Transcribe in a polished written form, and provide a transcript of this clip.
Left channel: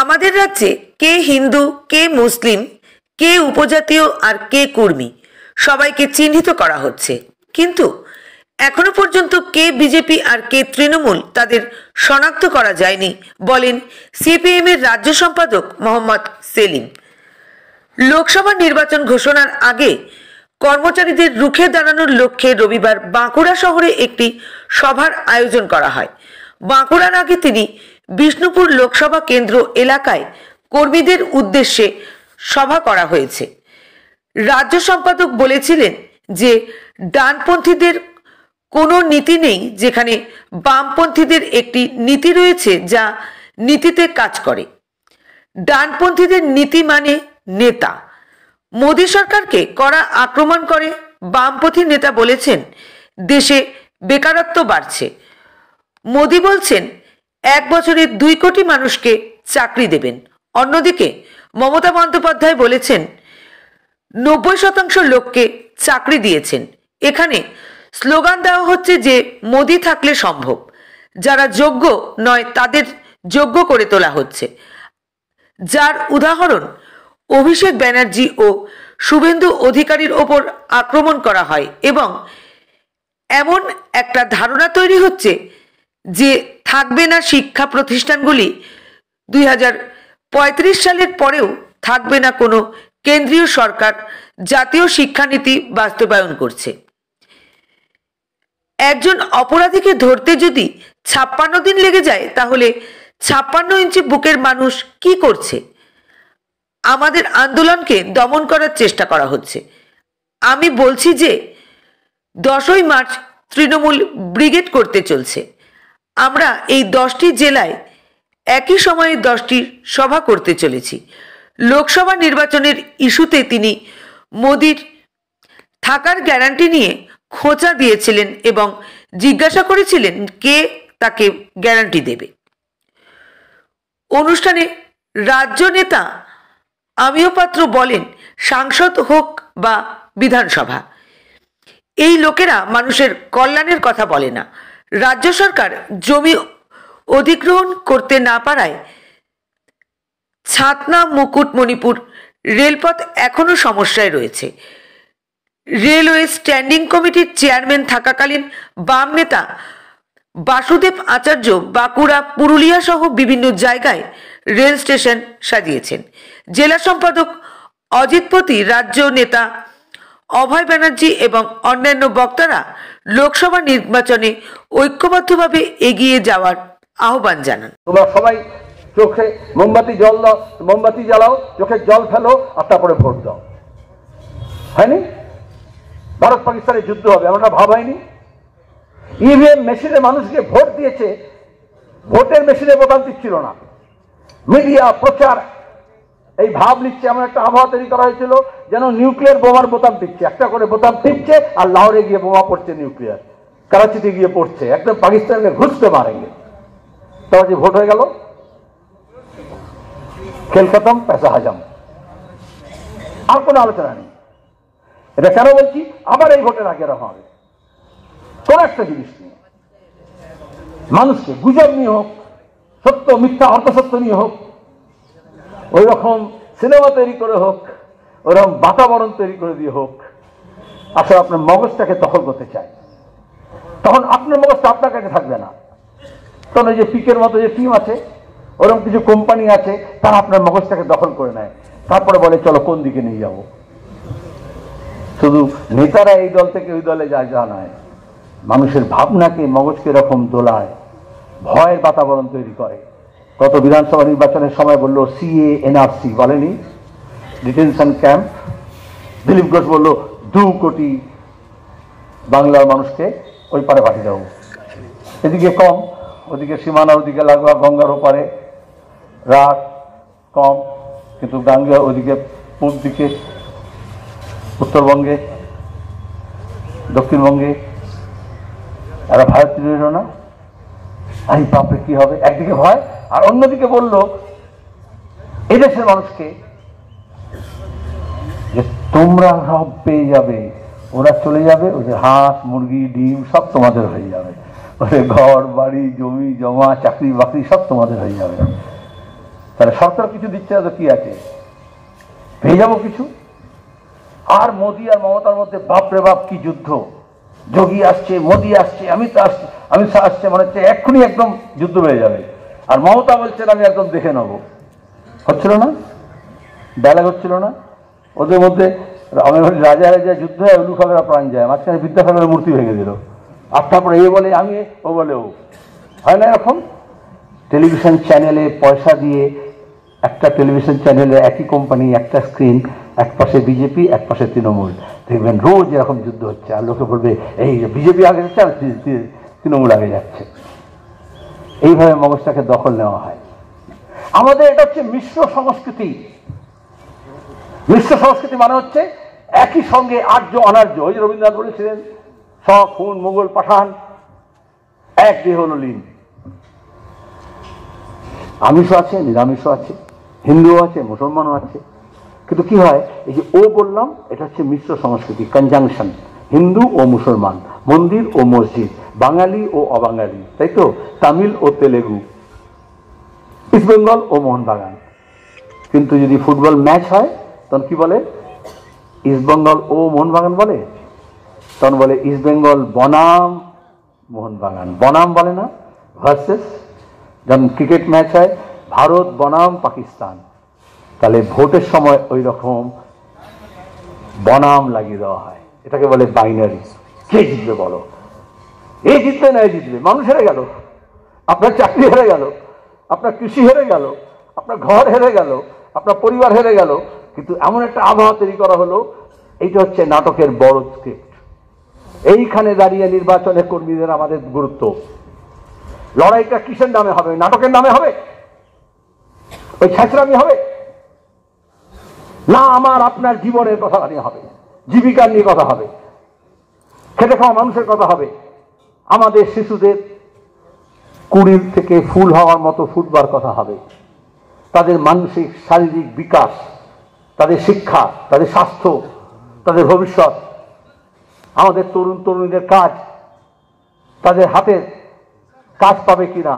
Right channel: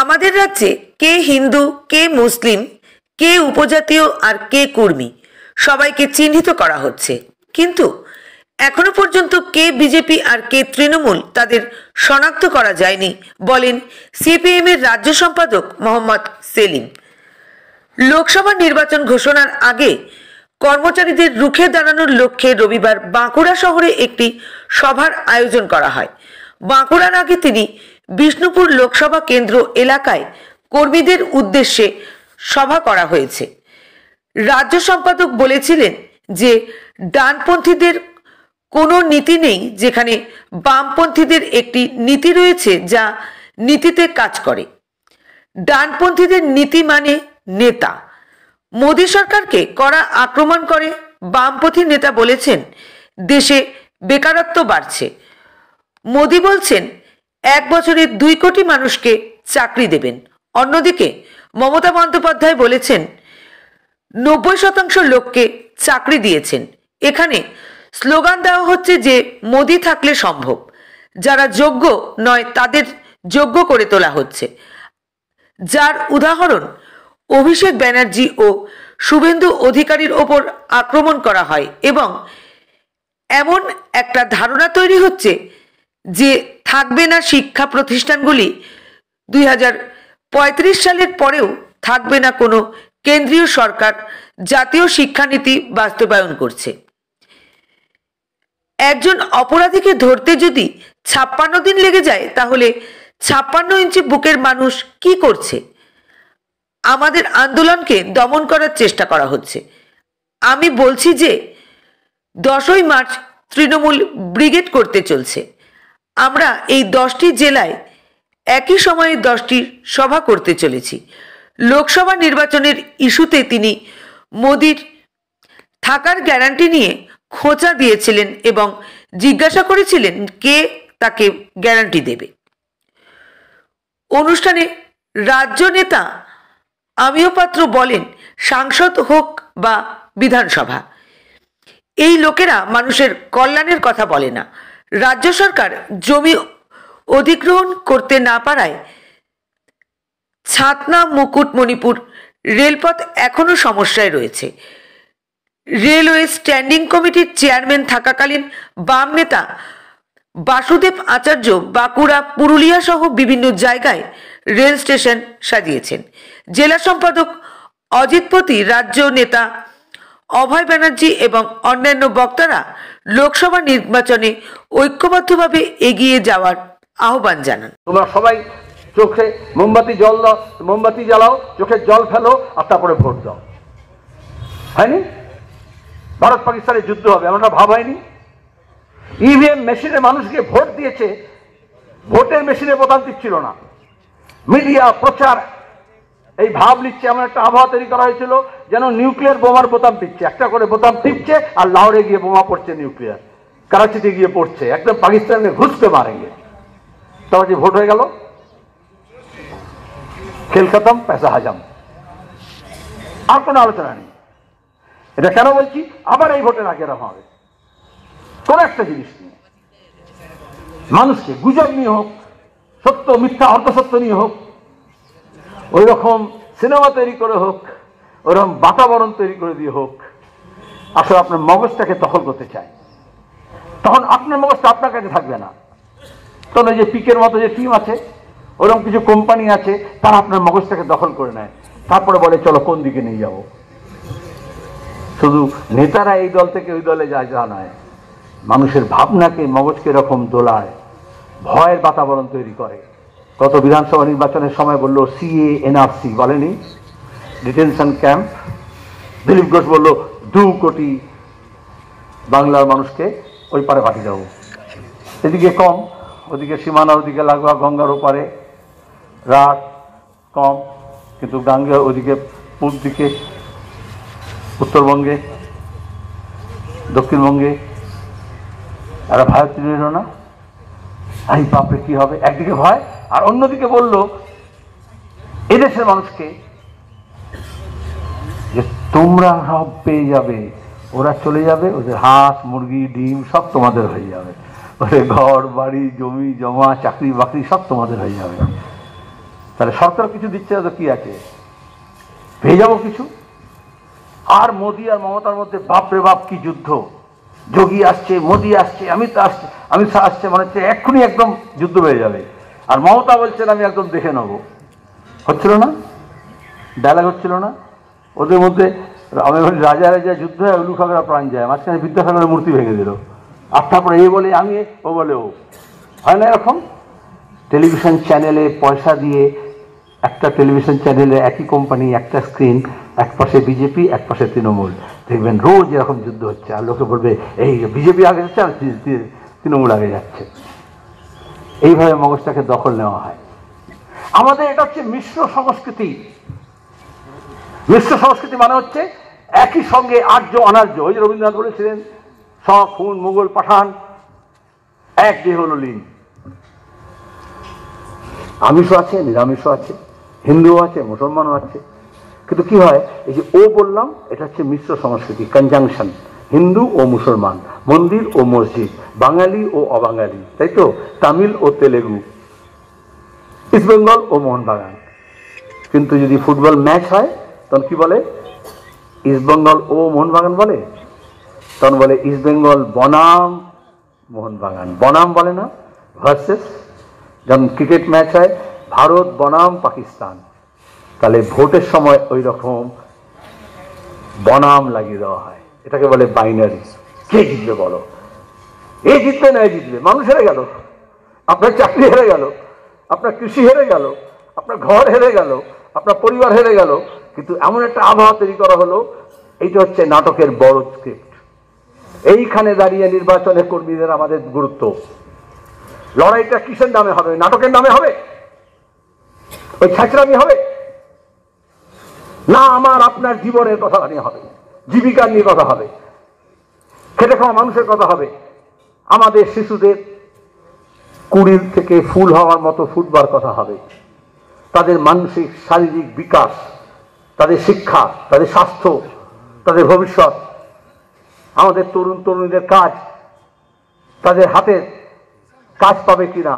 আমাদের রাজ্যে কে হিন্দু, কে মুসলিম, কে উপজাতীয় আর কে কুর্মী সবাইকে চিহ্নিত করা হচ্ছে, কিন্তু এখনো পর্যন্ত কে বিজেপি আর কে তৃণমূল তাদের শনাক্ত করা যায়নি বলেন সিপিএম এর রাজ্য সম্পাদক মোহাম্মদ সেলিম। লোকসভা নির্বাচন ঘোষণার আগে কর্মচারীদের রুখে দাঁড়ানোর লক্ষ্যে রবিবার বাঁকুড়া শহরে একটি সভার আয়োজন করা হয়। বাঁকুড়ার আগে তিনি বিষ্ণুপুর লোকসভা কেন্দ্র এলাকায় কর্মীদের উদ্দেশ্যে সভা করা হয়েছে। রাজ্য সম্পাদক বলেছিলেন যে ডানপন্থীদের কোনো নীতি নেই, যেখানে বামপন্থীদের একটি নীতি রয়েছে যা নীতিতে কাজ করে। ডানপন্থীদের নীতি মানে নেতা। মোদী সরকারকে কড়া আক্রমণ করে বামপন্থী নেতা বলেছেন দেশে বেকারত্ব বাড়ছে। মোদী বলছেন 1 বছরে 2 কোটি মানুষকে চাকরি দেবেন। অন্যদিকে মমতা বন্দ্যোপাধ্যায় বলেছেন 90% লোককে চাকরি দিয়েছেন। এখানে স্লোগান দেওয়া হচ্ছে যে মোদী থাকলে সম্ভব, যারা যোগ্য নয় তাদের যোগ্য করে তোলা হচ্ছে, যার উদাহরণ অভিষেক ব্যানার্জি ও শুভেন্দু অধিকারীর ওপর আক্রমণ করা হয় এবং এমন একটা ধারণা তৈরি হচ্ছে যে থাকবে না শিক্ষা প্রতিষ্ঠানগুলি, 2035 সালের পরেও থাকবে না কোনো কেন্দ্রীয় সরকার জাতীয় শিক্ষানীতি বাস্তবায়ন করছে। একজন অপরাধীকে ধরতে যদি 56 দিন লেগে যায়, তাহলে 56 ইঞ্চি বুকের মানুষ কি করছে? আমাদের আন্দোলনকে দমন করার চেষ্টা করা হচ্ছে। আমি বলছি যে 10ই মার্চ তৃণমূল ব্রিগেড করতে চলছে। আমরা এই 10টি জেলায় একই সময়ে 10টি সভা করতে চলেছি। লোকসভা নির্বাচনের ইস্যুতে তিনি মোদির থাকার গ্যারান্টি নিয়ে খোঁচা দিয়েছিলেন এবং জিজ্ঞাসা করেছিলেন কে তাকে গ্যারান্টি দেবে। অনুষ্ঠানে রাজ্য নেতা আমিও পাত্র বলেন, সাংসদ হোক বা বিধানসভা, এই লোকেরা মানুষের কল্যাণের কথা বলে না। রাজ্য সরকার জমি অধিগ্রহণ করতে না পারায় ছাতনা মুকুটমণিপুর রেলপথ এখনো সমস্যায় রয়েছে। রেলওয়ে স্ট্যান্ডিং কমিটির চেয়ারম্যান থাকাকালীন বাম নেতা বাসুদেব আচার্য বাঁকুড়া, পুরুলিয়া সহ বিভিন্ন জায়গায় রেল স্টেশন সাজিয়েছেন। জেলা সম্পাদক অজিতপতি, রাজ্য নেতা অভয় ব্যানার্জি এবং অন্যান্য বক্তারা লোকসভা নির্বাচনে ঐক্যবদ্ধভাবে এগিয়ে যাওয়ার আহ্বান জানান। তোমরা সবাই চোখে মোমবাতি জ্বালাও, চোখে জল ফেলো আর তারপরে ভোট দাও। হয়নি? ভারত পাকিস্তানের যুদ্ধ হবে আমরা ভাব হয়নি? ইভিএম মেশিনে মানুষকে ভোট দিয়েছে, ভোটের মেশিনে বোতাম টিপছিল না। মিডিয়া প্রচার এই ভাব নিচ্ছে, এমন একটা আবহাওয়া তৈরি করা হয়েছিল যেন নিউক্লিয়ার বোমার বোতাম টিপছে, একটা করে বোতাম টিপছে আর লাহোরে গিয়ে বোমা পড়ছে, নিউক্লিয়ার করাচিতে গিয়ে পড়ছে, একদম পাকিস্তানকে ঘুষতে মারেঙ্গে। তারপর যে ভোট হয়ে গেল, খেল খতম, পয়সা হাজাম, আর কোনো আলোচনা নেই। এটা কেন বলছি? আবার এই ভোটের আগে এরকম হবে কোন একটা জিনিস নিয়ে, মানুষকে গুজব নিয়ে হোক, সত্য মিথ্যা অর্ধসত্য নিয়ে হোক, ওই রকম সিনেমা তৈরি করে হোক, ওরকম বাতাবরণ তৈরি করে দিয়ে হোক, আসলে আপনার মগজটাকে দখল করতে চায়, তখন আপনার মগজটা আপনার কাছে থাকবে না। তখন যে পিকের মতো যে টিম আছে, ওরকম কিছু কোম্পানি আছে, তারা আপনার মগজটাকে দখল করে নেয়, তারপরে বলে চলো কোন দিকে নিয়ে যাব। শুধু নেতারা এই দল থেকে ওই দলে যায় যা নয়, মানুষের ভাবনাকে, মগজকে এরকম দোলায়, ভয়ের বাতাবরণ তৈরি করে। গত বিধানসভা নির্বাচনের সময় বললো সিএ এনআরসি, বলেনি ডিটেনশন ক্যাম্প। দিলীপ ঘোষ বললো 2 কোটি বাংলার মানুষকে ওই পারে পাঠিয়ে দেবো। এদিকে কম, ওদিকে সীমানা, ওদিকে লাগোয়া গঙ্গার ওপারে রাত কম, কিন্তু গাঙ্গেয় ওদিকে পূর্ব দিকে, উত্তরবঙ্গে, দক্ষিণবঙ্গে এরা ভয় তৈরি হলো না। এই বাপরে কি হবে, একদিকে ভয় আর অন্যদিকে বললো এদেশের মানুষকে যে তোমরা সব পেয়ে যাবে, ওরা চলে যাবে, ওদের হাঁস মুরগি ডিম সব তোমাদের হয়ে যাবে, ওদের ঘর বাড়ি জমি জমা চাকরি বাকরি সব তোমাদের হয়ে যাবে। তাহলে সরকার কিছু দিচ্ছে না তো কি আছে, পেয়ে যাবো কিছু। আর মোদী আর মমতার মধ্যে বাপরে বাপ কি যুদ্ধ, যোগী আসছে, মোদী আসছে, অমিত শাহ আসছে, মনে হচ্ছে এক্ষুনি একদম যুদ্ধ হয়ে যাবে। আর মমতা বলছেন আমি একদম দেখে নেবো। হচ্ছিল না, ডায়লগ হচ্ছিল না ওদের মধ্যে। আমি বলি রাজা রাজা যুদ্ধ হয়, উলু খাগড়া প্রাণ যায়, মাঝখানে বিদ্যাসাগরের মূর্তি ভেঙে দিল। আর তারপরে এ বলে আমি, ও বলে ও, হয় না এরকম? টেলিভিশন চ্যানেলে পয়সা দিয়ে, একটা টেলিভিশন চ্যানেলে একই কোম্পানি, একটা স্ক্রিন, এক পাশে বিজেপি এক পাশে তৃণমূল, দেখবেন রোজ এরকম যুদ্ধ হচ্ছে। আর লোকে বলবে এই বিজেপি আগে যাচ্ছে আর তৃণমূল আগে যাচ্ছে। এইভাবে মগজটাকে দখল নেওয়া হয়। আমাদের এটা হচ্ছে মিশ্র সংস্কৃতি। মিশ্র সংস্কৃতি মানে হচ্ছে একই সঙ্গে আর্য অনার্য। ওই যে রবীন্দ্রনাথ বলেছিলেন শক, হুন, মুঘল, পাঠান এক দেহ হল লীন। আমিষও আছে, নিরামিষও আছে, হিন্দুও আছে, মুসলমানও আছে। কিন্তু কি হয়, এই যে ও বললাম, এটা হচ্ছে মিশ্র সংস্কৃতি, কনজাংশন। হিন্দু ও মুসলমান, মন্দির ও মসজিদ, বাঙালি ও অবাঙালি, তাই তো? তামিল ও তেলেগু, ইস্ট বেঙ্গল ও মোহনবাগান। কিন্তু যদি ফুটবল ম্যাচ হয় তখন কি বলে? ইস্ট বেঙ্গল ও মোহনবাগান বলে? তখন বলে ইস্ট বেঙ্গল বনাম মোহনবাগান। বনাম বলে না, ভার্সেস। যখন ক্রিকেট ম্যাচ হয় ভারত বনাম পাকিস্তান, তাহলে ভোটের সময় ওই রকম বনাম লাগিয়ে দেওয়া হয়। এটাকে বলে বাইনারি। কে জিতবে বলো? এ জিতবে না এ জিতবে। মানুষ হেরে গেল, আপনার চাকরি হেরে গেল, আপনার কৃষি হেরে গেল, আপনার ঘর হেরে গেল, আপনার পরিবার হেরে গেল। কিন্তু এমন একটা আবহাওয়া তৈরি করা হলো, এইটা হচ্ছে নাটকের বড় স্ক্রিপ্ট। এইখানে দাঁড়িয়ে নির্বাচনে কর্মীদের আমাদের গুরুত্ব। লড়াইটা কিসের নামে হবে? নাটকের নামে হবে? ওই ছাঁচড়ামি হবে না। আমার আপনার জীবনের কথা নিয়ে হবে, জীবিকার নিয়ে কথা হবে, খেটে খাওয়া মানুষের কথা হবে, আমাদের শিশুদের কুড়ির থেকে ফুল হওয়ার মতো ফুটবার কথা হবে, তাদের মানসিক শারীরিক বিকাশ, তাদের শিক্ষা, তাদের স্বাস্থ্য, তাদের ভবিষ্যৎ, আমাদের তরুণ তরুণীদের কাজ, তাদের হাতের কাজ পাবে কিনা।